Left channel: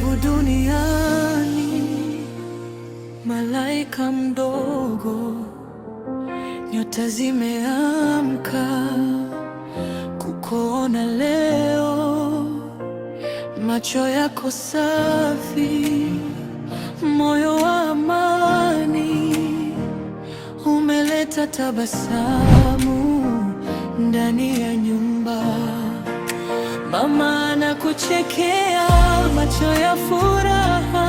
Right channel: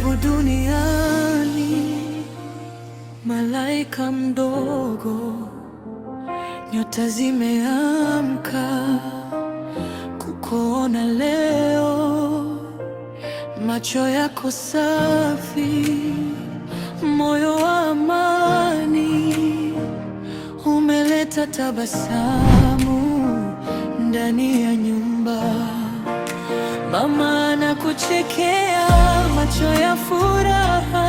Karibu duniani, malaika mdogo, nyota zimeamka kukuona leo. Macho yako safi, moyo wa amani, umeleta tabasamu ndani ya nyumba. Mama anakuchekea, macho ya furaha.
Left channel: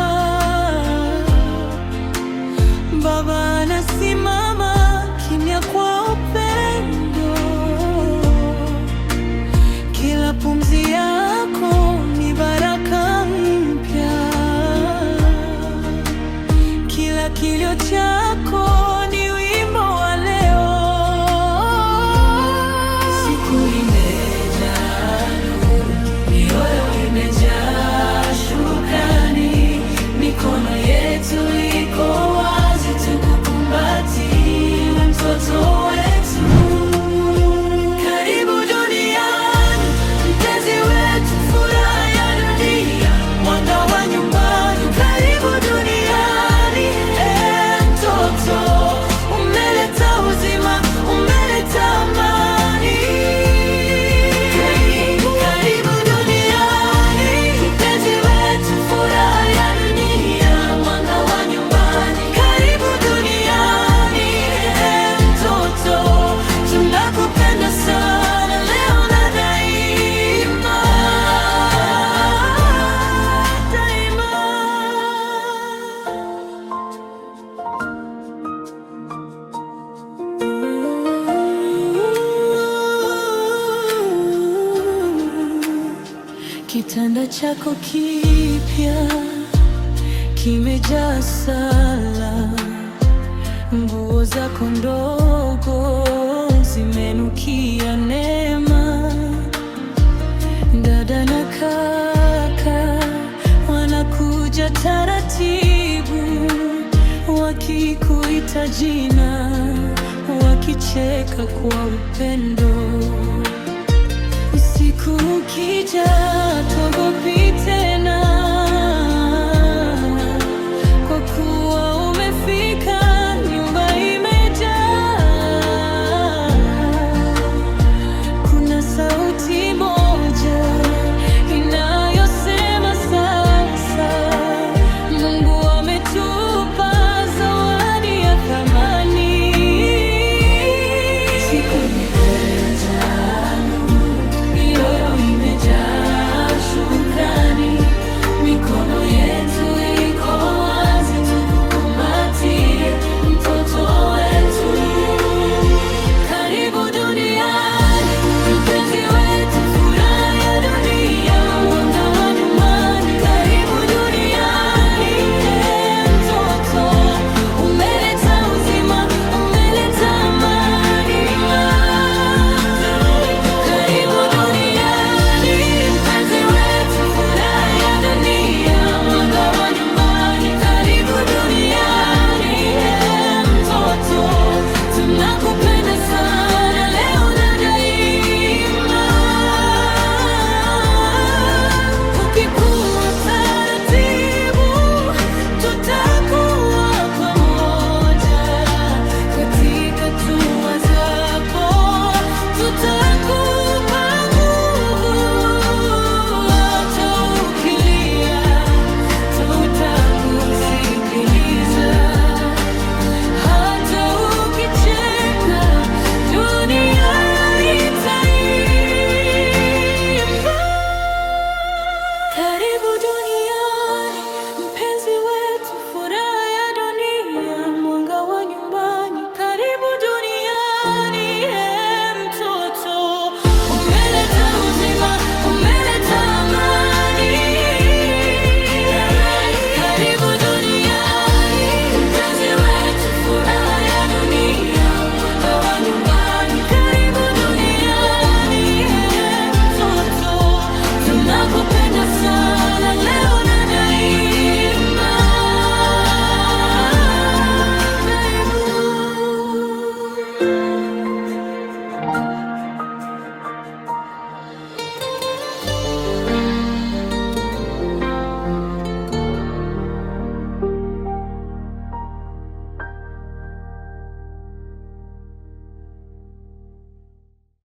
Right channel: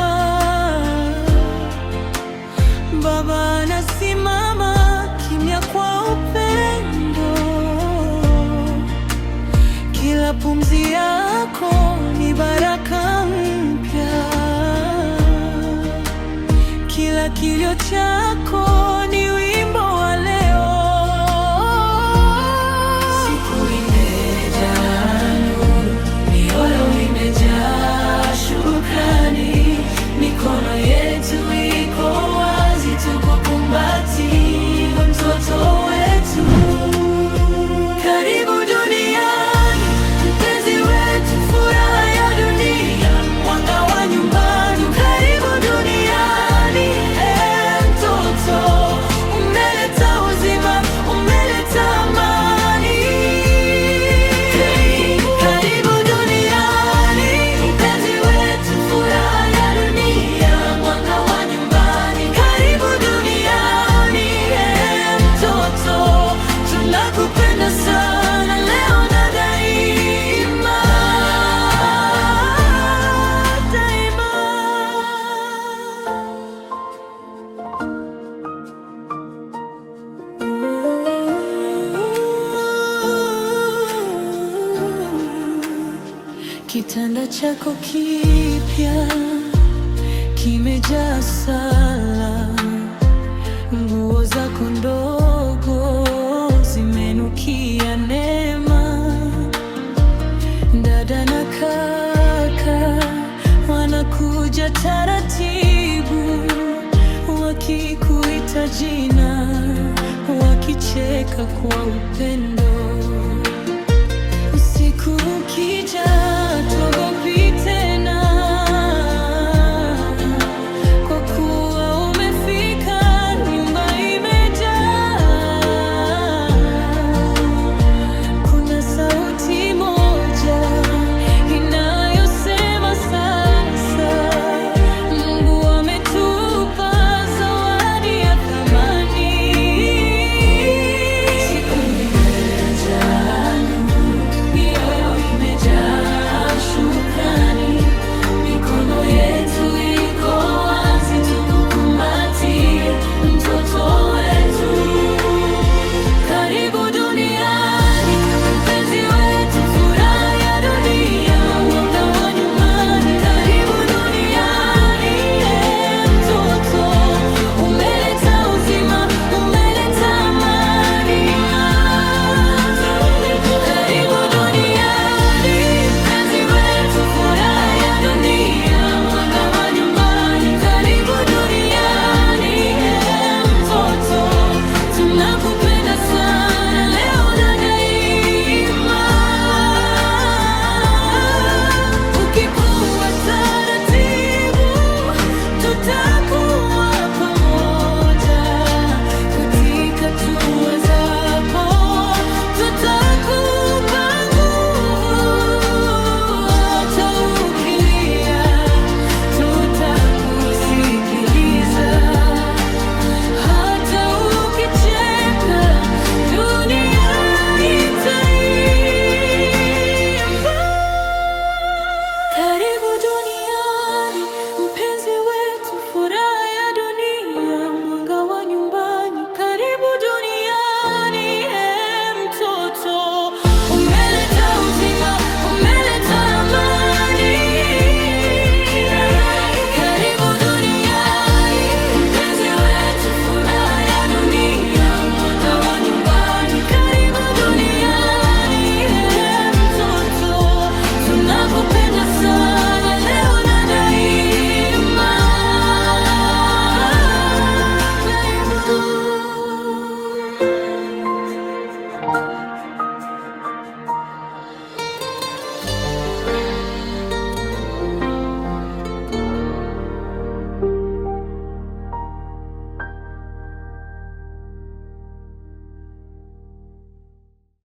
Baba anasimama kimya kwa upendo. Kila pumzi yako ni baraka mpya, kila kilio chako ni wimbo wa leo. Siku imejaa nuru, mioyo imejaa shukrani, mikono yetu iko wazi tukukumbatie mtoto wetu. Karibu duniani, mpenzi wetu, furaha ya dunia, mwanga wa nyumbani. Karibu duniani, mtoto, umeleta uzima, umeleta amani. Karibu duniani, mpenzi wetu, furaha ya dunia, mwanga wa nyumbani. Karibu duniani, mtoto, tunakupenda sana leo na daima, daima. Kitanda chako kipya kimejaa sala, nguo zako ndogo zimenukia neema. Dada na kaka wanakuja taratibu, wakikuita jina, wakicheka kwa upendo. Usiku ukija, tuogopi tena, kwa kuwa umefika, nyumba imejaa. Kuna sauti moja inayosema sasa, Mungu ametupa zawadi ya thamani. Siku imejaa nuru, mioyo imejaa shukrani, mikono yetu iko wazi tukukumbatie mtoto wetu. Karibu duniani, mpenzi wetu, furaha ya dunia, mwanga wa nyumbani. Karibu duniani, mtoto, umeleta uzima, umeleta amani. Karibu duniani, mpenzi wetu, furaha ya dunia, mwanga wa nyumbani. Karibu duniani, mtoto, tunakupenda sana leo na daima. Ukikuwa taratibu, tutakuwa pamoja. Katika hatua zako tutakupa nguvu, hata ukilia tutakusikilia.